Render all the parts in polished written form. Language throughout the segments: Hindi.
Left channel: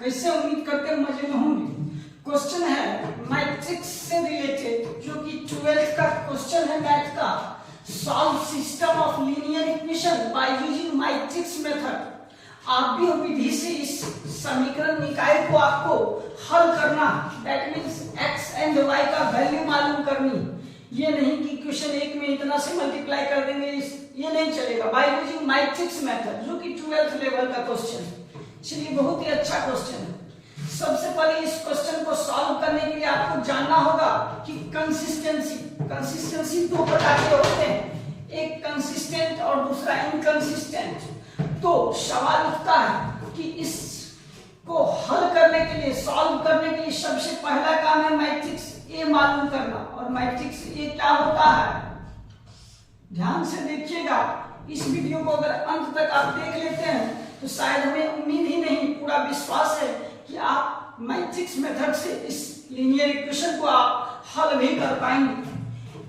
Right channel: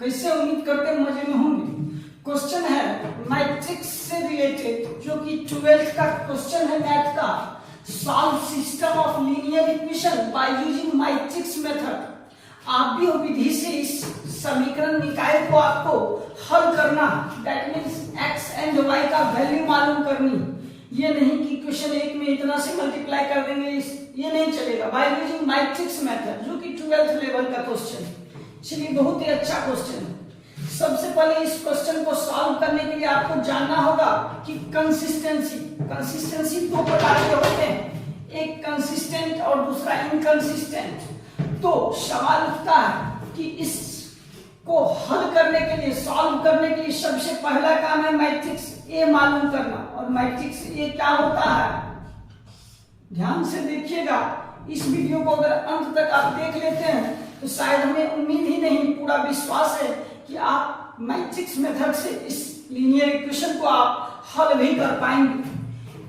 कैसे? उम्मीद करते हैं मजे में होंगे। क्वेश्चन है मैट्रिक्स से रिलेटेड, जो कि 12th का क्वेश्चन है मैथ का। Solve system of linear equation by using matrix method. आप भी विधि से इस समीकरण निकाय को आपको हल करना है। That means x and y का वैल्यू मालूम करनी। ये नहीं कि क्वेश्चन 1 में इतना से मल्टीप्लाई कर देंगे, ये नहीं चलेगा। बाय यूजिंग मैट्रिक्स मेथड, जो कि 12th लेवल का क्वेश्चन है। चलिए, बहुत ही अच्छा क्वेश्चन है। सबसे पहले इस क्वेश्चन को सॉल्व करने के लिए आपको जानना होगा कि कंसिस्टेंसी दो प्रकार के होते हैं, एक कंसिस्टेंट और दूसरा इनकंसिस्टेंट। तो सवाल उठता है कि इसको हल करने के लिए, सॉल्व करने के लिए सबसे पहला काम है मैट्रिक्स ए मालूम करना। और मैट्रिक्स ए क्या होता है, ध्यान से देखिएगा। इस वीडियो को अगर अंत तक आप देख लेते हैं तो शायद हमें उम्मीद ही नहीं, पूरा विश्वास है कि आप मैट्रिक्स मेथड से इस लीनियर इक्वेशन को आप हल भी कर पाएंगे।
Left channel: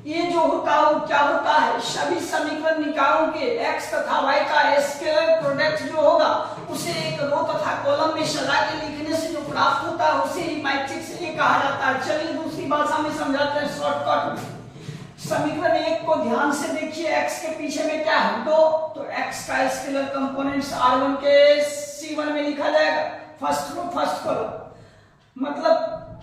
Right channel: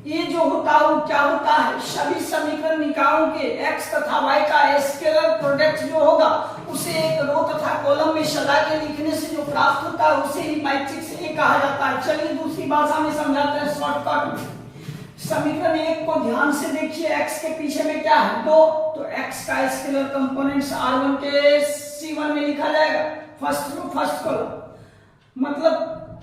ये जो होता है वो क्या होता है, सभी समीकरण निकायों के x तथा y का स्केलर प्रोडक्ट जो होगा उसे एक रो तथा कॉलम में सजा के लिखने से जो प्राप्त होता है उसे ही मैट्रिक्स ए कहा जाता है। चलिए दूसरी भाषा में समझाते हैं शॉर्टकट में। समीकरण 1 को ध्यान से देखिए, x के पीछे में क्या है 2, तो x का स्केलर कंपोनेंट्स r1 के c1 में लिखा जाएगा, फर्स्ट रो फर्स्ट कॉलम। मतलब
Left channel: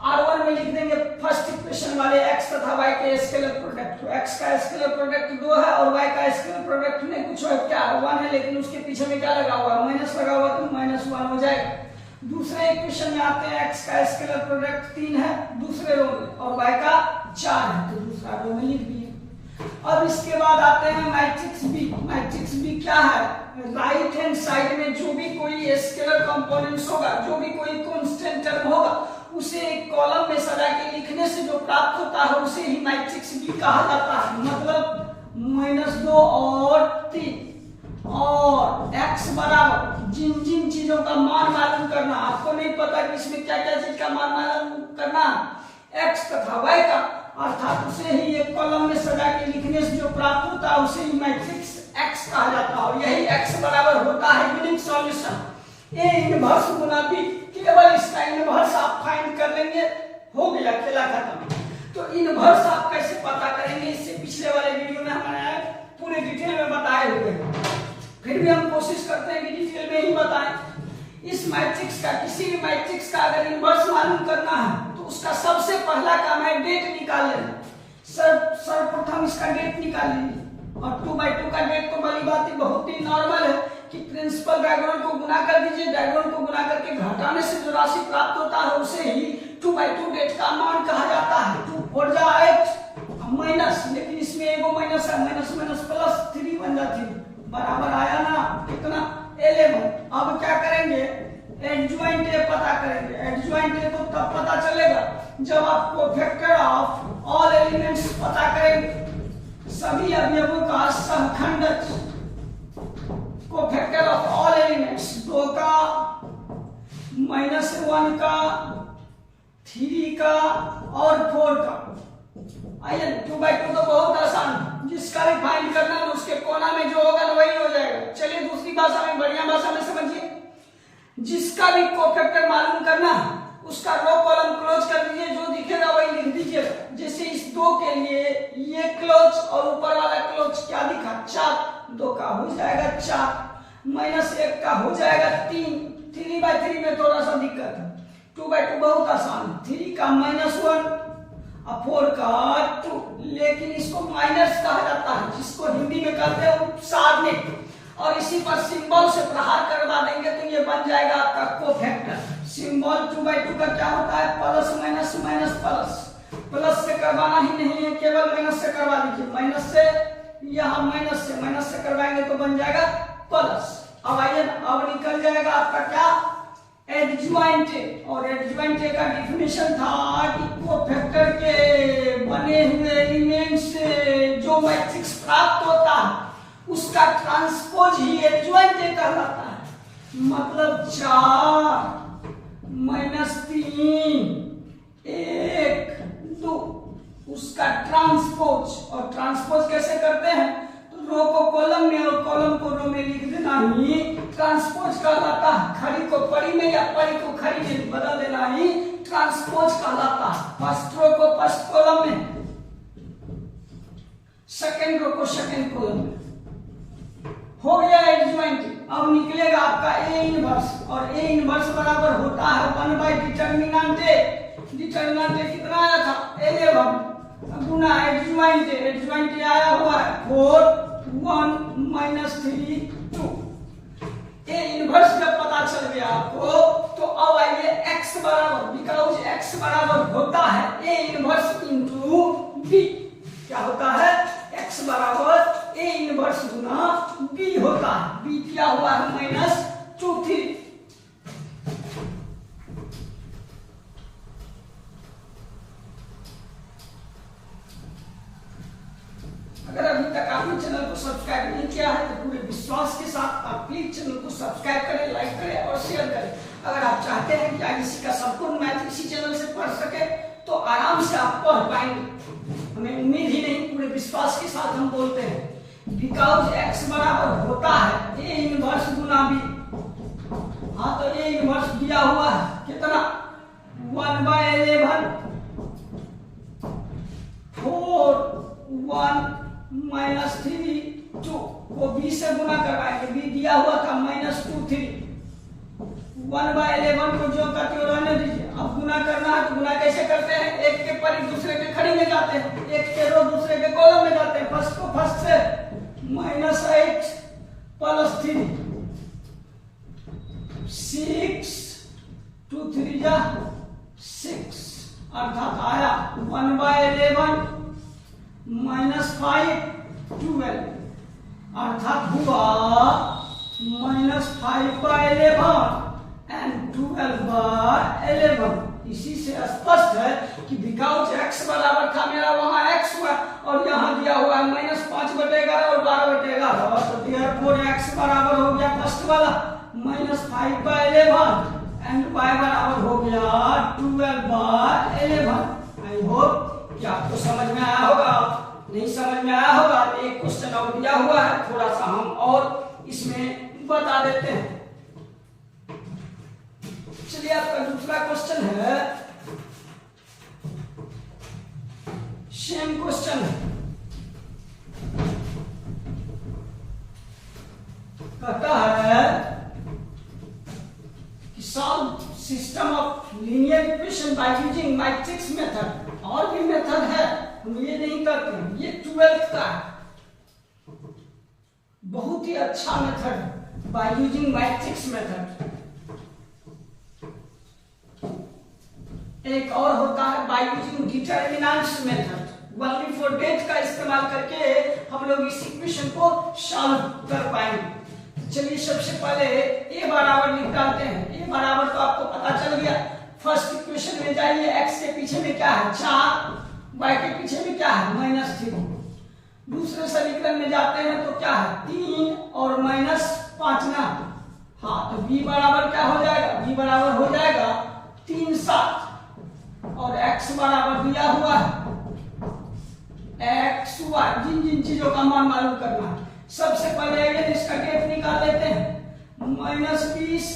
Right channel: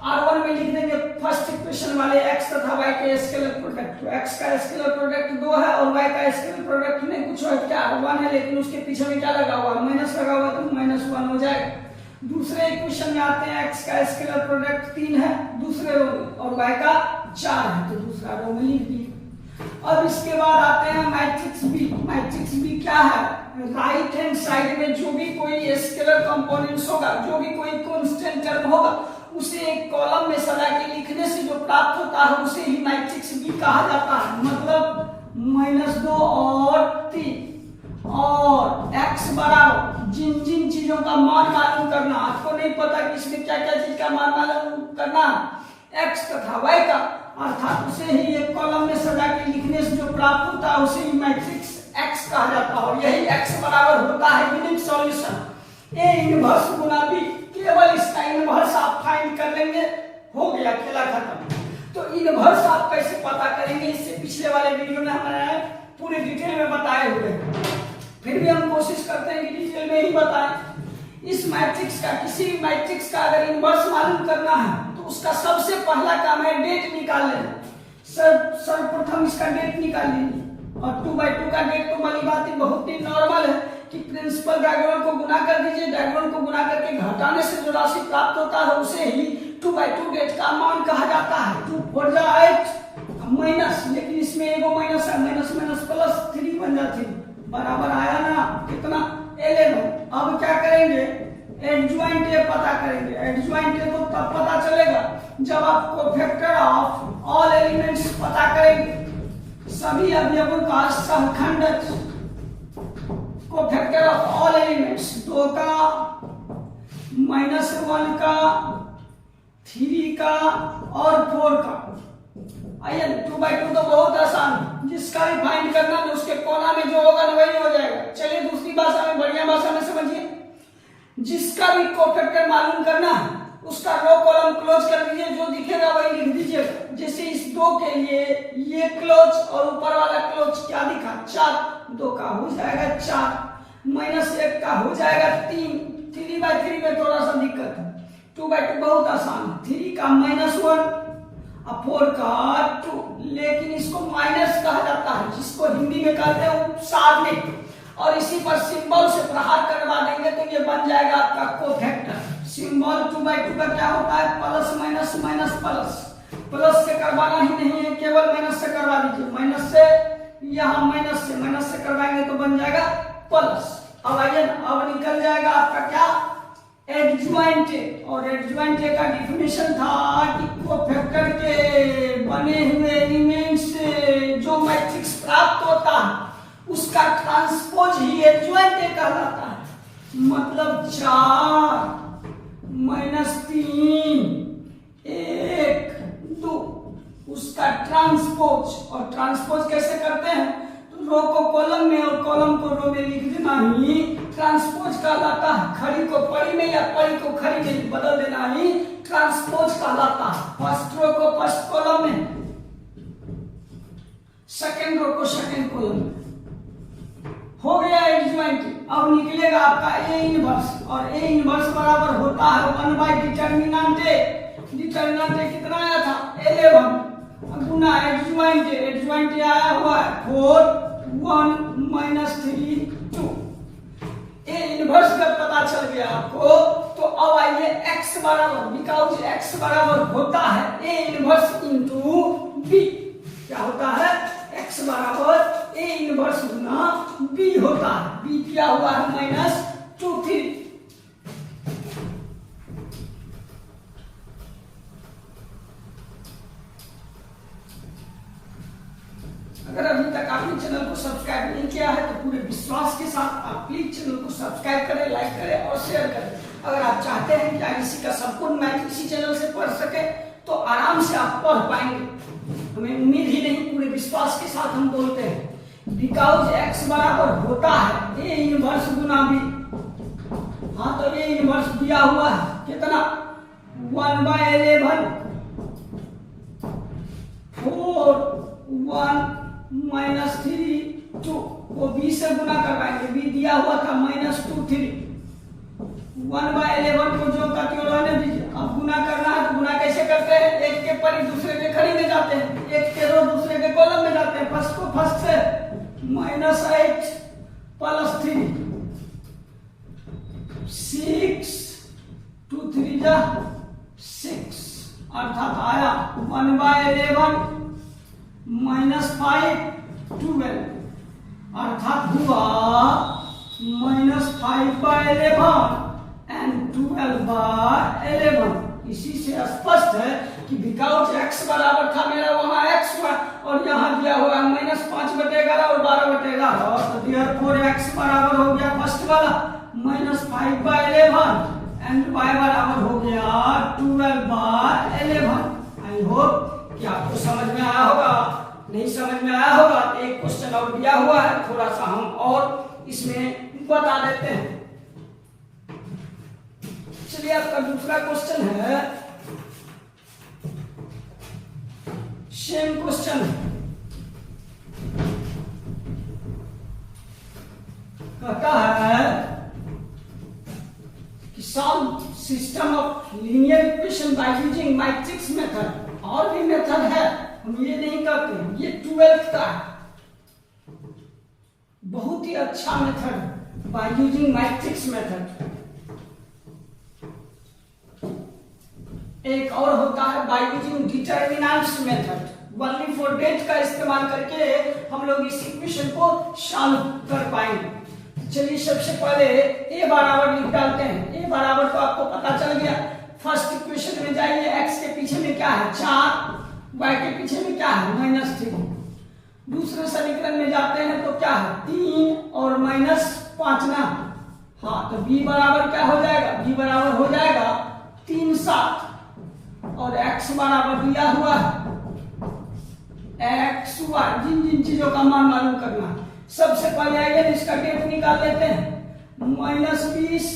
R1 में लिख देंगे फर्स्ट इक्वेशन वाले x तथा y के स्केलर प्रोडक्ट। तो x का स्केलर प्रोडक्ट 2 है और y का स्केलर प्रोडक्ट नहीं कुछ है, क्या 1 है, लेकिन उसके पीछे में क्या लगा हुआ, माइनस लगा हुआ, तो -1 हो जाएगा। दूसरे इक्वेशन में आते हैं, x का स्केलर प्रोडक्ट 3 है दूसरे रो में और y का 4 है, तो दूसरा रो में लिख दिया। अब इसके बाद आते हैं मैट्रिक्स बी। मैट्रिक्स बी क्या है, राइट हैंड साइड में जो भी कोई स्केलर कंपोनेंट्स होगा, जो भी कोई कांस्टेंट टर्म होगा, उसे एक कॉलम में सजा के लिखने से जो प्राप्त होता है उसे ही मैट्रिक्स बी कहा जाता है। मतलब -2 और 3 और x बराबर जिन जिन चीजों का मान मालूम करना। आपको नहीं पता कि इसमें क्या क्या चीज का मान मालूम करना है, x तथा y का, अर्थात उसे ही एक कॉलम में सजा के लिखने से जो प्राप्त होता है उसे ही मैट्रिक्स x कहा जाता है। और यही x बराबर होता है unique solution a inverse Guna b। केवल इसका इनवर्स आप फाइंड कर लेंगे, हो गया, खेला खत्म। तो इनवर्स आप कैसे पता करेंगे, इससे पिछले वाले वीडियो में हमने पूरे डिटेल में बताए हुए हैं, फिर भी हम कोशिश करते हैं कि डिटेल में ही बताएं। इस मैट्रिक्स का, किसी भी मैट्रिक्स का अगर इनवर्स मालूम करना है तो उसका सबसे पहला काम है डेट निकाल लेना। सर्वप्रथम इसका डेट निकाल लीजिए, और 2/2 का डेट तो भली बात बहुत ही नॉर्मल है कि प्रिंसिपल डायगोनल को गुना कर दीजिए, डायगोनल को गुना करके घटाने से जो राशि प्राप्त होता है उसे ही 2/2 डेट का मान कहा जाता है। 2 4 जा 8 माइनस, लेकिन इसमें एगो माइनस है, माइनस माइनस प्लस 3 बन जाती है, बराबर आया ना कितना 11। अब क्या करेंगे, एडजॉइंट ए पता करेंगे। एडजॉइंट ए तो तब पता चलेगा जब आप कोफैक्टर ऑफ ऑल एलिमेंट्स पता करेंगे, सभी अवयवों का समखंड कोफैक्टर ऑफ ऑल एलिमेंट्स, 2 का, -1 का, 3 का और 4 का। आइए 2/2 तो बहुत आसान है, जिसका भी फाइंड करना है उसके कोना में जो होगा वही हो जाएगा। चलिए दूसरी भाषा में, बढ़िया भाषा में समझिए, जिसका भी कोफैक्टर मालूम करना है उसका रो कॉलम क्लोज कर दीजिए, जो दिखेगा वही लिख दीजिएगा। जैसे इस 2 के लिए ये क्लोज और ऊपर वाला क्लोज क्या दिखा 4, 2 का हो जाएगा 4, -1 का हो जाएगा 3, 3/3 में थोड़ा सा दिक्कत है, 2/2 बहुत आसान, 3 का -1 और 4 का 2, लेकिन इसको माइनस कहा जाता है, जिसको हिंदी में कहते हैं उपसारणिक, और इसी पर सिंबल से प्रहार करवा देंगे तो ये बन जाएगा आपका कोफैक्टर। सिंबल 2/2 का क्या होता है, plus minus minus plus, plus से करवाना ही नहीं है, केवल माइनस से करवा दीजिए, माइनस से, यहाँ माइनस से करवाएंगे तो बन जाएगा प्लस। अब आइए, अब निकल जाएगा आपका क्या, एडजॉइंट। और एडजॉइंट का डिफिनेशन था कि कोफैक्टर के बने हुए एलिमेंट से जो मैट्रिक्स प्राप्त होता है उसका ट्रांसपोज ही एडजॉइंट कहलाता है। मतलब 4 -3 1 2 उसका ट्रांसपोज। और ट्रांसपोज कैसे करते हैं, तो रो को कॉलम में और कॉलम को रो में लिख देना ही ट्रांसपोज कहलाता है। खड़ी को पड़ी में या पड़ी को खड़ी में बदल देना ही ट्रांसपोज कहलाता है। फर्स्ट रो को फर्स्ट कॉलम में, सेकेंड रो को सेकेंड कॉलम में। हो गया एडजॉइंट। अब निकलेगा आपका ए इनवर्स, और ए इनवर्स बराबर होता है 1 डिटर्मिनेंट ए। डिटर्मिनेंट ए कितना आया था 11 गुना एडजॉइंट ए। एडजॉइंट ए आया हुआ है 4 1 -3 2। ए इनवर्स जब पता चल गया आपको तो अब आइए x बराबर, बिकॉज x बराबर होता है ए इनवर्स इंटू बी। क्या होता है x बराबर ए इनवर्स गुना b होता है। b क्या हुआ है -2 अगर अभी तक आपने चैनल को सब्सक्राइब नहीं किया है तो पूरे विश्वास के साथ आप प्लीज चैनल को सब्सक्राइब करें, लाइक करें और शेयर करें। अगर आप चाहते हैं कि आईसी का संपूर्ण मैथ इसी चैनल से पढ़ सके तो आराम से आप पढ़ पाएंगे। हमें उम्मीद ही नहीं, पूरे विश्वास के साथ हम बोलते हैं बिकॉज x बराबर होता है ए इनवर्स गुना b। हाँ तो ए इनवर्स दिया हुआ है कितना 1/11 4 1 -3 2 वो b से गुना करवाएंगे। b दिया हुआ था -2 3 1/11 को जो करते हो रहने दीजिए। अब गुना करना है तो गुना कैसे करते हैं, एक के पर दूसरे के खड़ी में जाते हैं, एक के रो दूसरे के कॉलम में जाते हैं। फर्स्ट को फर्स्ट से -8 + 3 6 2 3 जा 6 अर्थात आया 1/11 -5 12 अर्थात हुआ -5/11 एंड 12/11। इसी से स्पष्ट है कि बिकॉज x बराबर था मेरा वहां x हुआ और यहाँ दिया हुआ है -5/11 और 12/11 तो therefore x बराबर हो गया फर्स्ट वाला -5/11 एंड y बराबर हो गया 12/11। आई होप कि आपको समझ में आया होगा। नहीं समझ में आया होगा तो एक क्वेश्चन और दिया हुआ है, थोड़ा सा हम और इसमें बता देते हैं। चलिए आपका दूसरा क्वेश्चन है, सेम क्वेश्चन है। कहता है कि solve system of linear equation by using matrix method. और भी मेथड है, हम ये नहीं करते हैं, ये 12th का है, बहुत ही अच्छा मेथड है बाय यूजिंग मैट्रिक्स मेथड। एक और होता है by using determinants method. Only for det का इस्तेमाल करके हम लोग इस इक्वेशन को सॉल्व कर पाएंगे। चलिए सबसे पहले a बराबर लिख डालते हैं। a बराबर तो आपको पता चल गया। फर्स्ट इक्वेशन में जाइए, x के पीछे में क्या है 4, y के पीछे में क्या है -3। दूसरे समीकरण में जाते हैं तो क्या है 3 और -5 ना। हाँ तो b बराबर क्या हो जाएगा, b बराबर हो जाएगा 3 7 और x बराबर दिया हुआ है x y। जिन जिन चीजों का मान मालूम करना है, सबसे पहले आइए इसका डेट निकाल लेते हैं। -20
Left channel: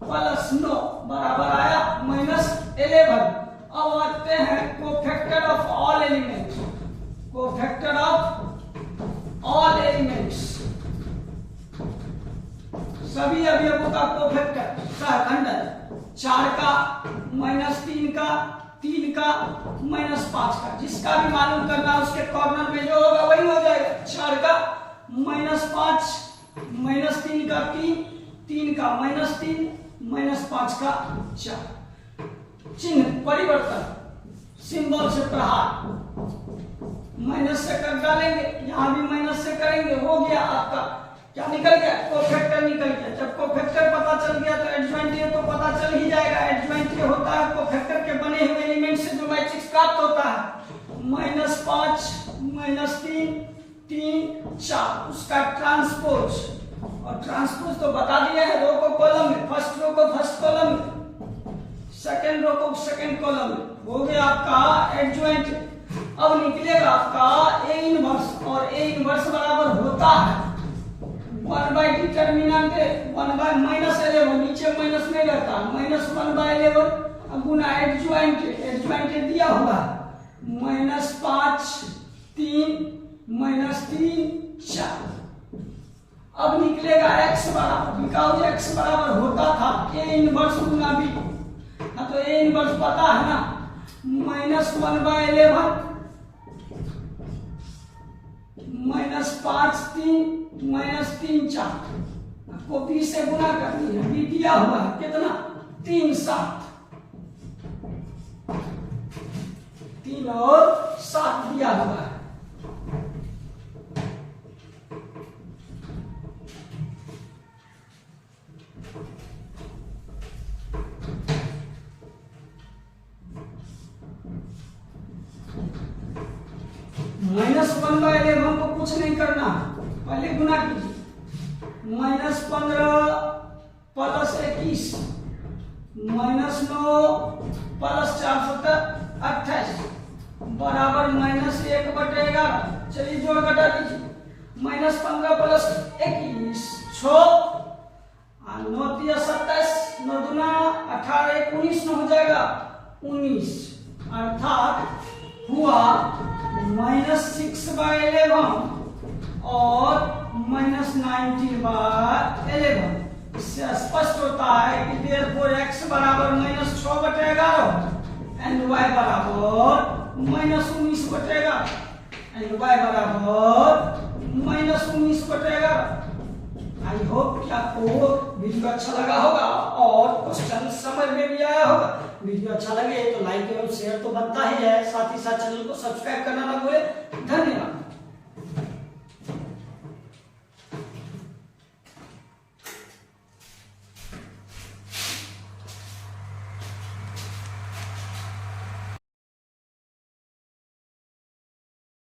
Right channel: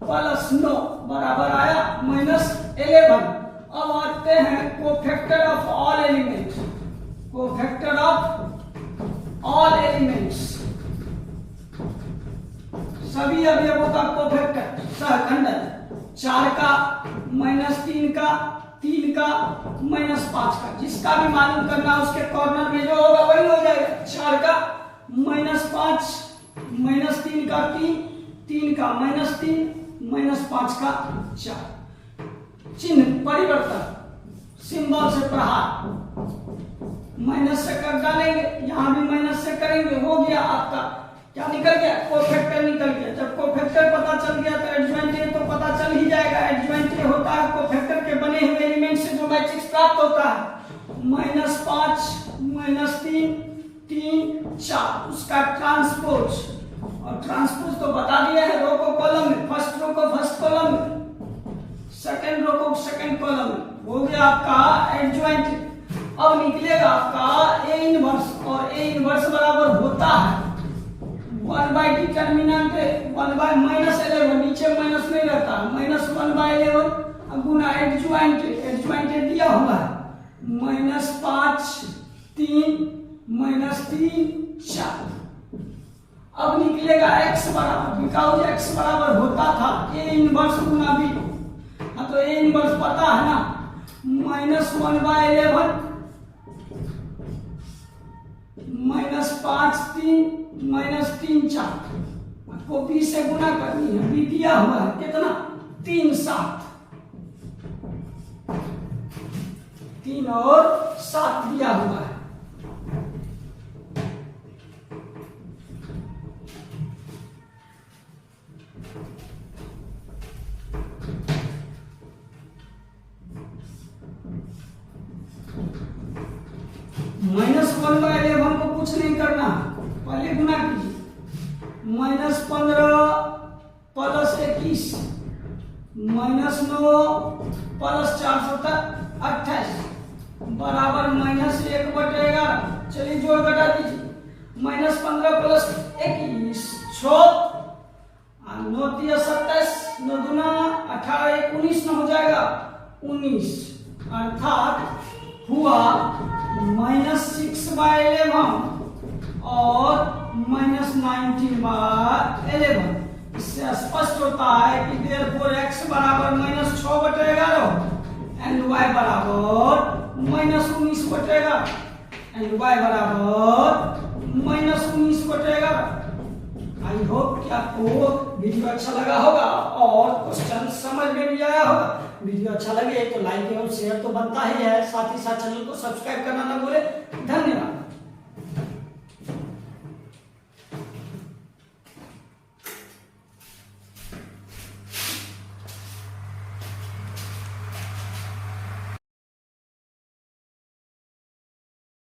+ 9 बराबर आया -11। अब आते हैं cofactor of all elements. Cofactor of all elements, सभी अवयवों का कोफैक्टर सहखंडन। 4 का -3 का 3 का -5 का, जिसका भी मालूम करना उसके कॉर्नर में जो होगा वही हो जाएगा। 4 का -5 -3 का 3 3 का -3 -5 का 4। चिन्ह परिवर्तन, सिंबल से प्रहार, माइनस से कर डालेंगे, यहां भी माइनस से करेंगे, हो गया आपका क्या निकल गया, कोफैक्टर निकल गया। जब कोफैक्टर पता चल गया तो एडजॉइंट तो पता चल ही जाएगा। एडजॉइंट होता है कोफैक्टर के बने हुए एलिमेंट से जो मैट्रिक्स प्राप्त होता है। -5 -3 3 4 उसका ट्रांसपोज, और ट्रांसपोज तो बता दिया है रो को कॉलम में, फर्स्ट रो को फर्स्ट कॉलम में, सेकंड रो को सेकंड कॉलम में। हो गया आपका एडजॉइंट। अब निकलेगा आपका ए इनवर्स, और ए इनवर्स बराबर होता है 1 बाई डिटर्मिनेंट 1 बाई माइनस 11, नीचे माइनस नहीं रहता, माइनस 1 बाई 11 गुना एडजॉइंट दिया हुआ है -5 3 -3 4। अब निकलेगा x बराबर, बिकॉज x बराबर होता था a इनवर्स गुना b, तो a इनवर्स पता है ना, -1 बाई 11 -5 3 -3 4, आपको b से गुना करनी है, b दिया हुआ है कितना 3 7, 3 और 7 दिया हुआ है। -1 बाई 11 को कुछ नहीं करना, पहले गुना कीजिए, -15 + 21 -9 + 4 28 बराबर -1/11। चलिए जोड़ घटा दीजिए, -15 + 21 6 और 9 × 27 9 दूना 18 19 में हो जाएगा 19, अर्थात हुआ -6 बाई 11 और -19 बाई 11। इससे स्पष्ट होता है कि therefore x बराबर -6/11 एंड y बराबर -19/11 एंड y बराबर -19/11। आई होप कि आपको वीडियो अच्छा लगा होगा और क्वेश्चन समझ में भी आया होगा। वीडियो अच्छा लगे तो लाइक एवं शेयर तो बनता ही है, साथ ही साथ चैनल को सब्सक्राइब करना ना भूले। धन्यवाद।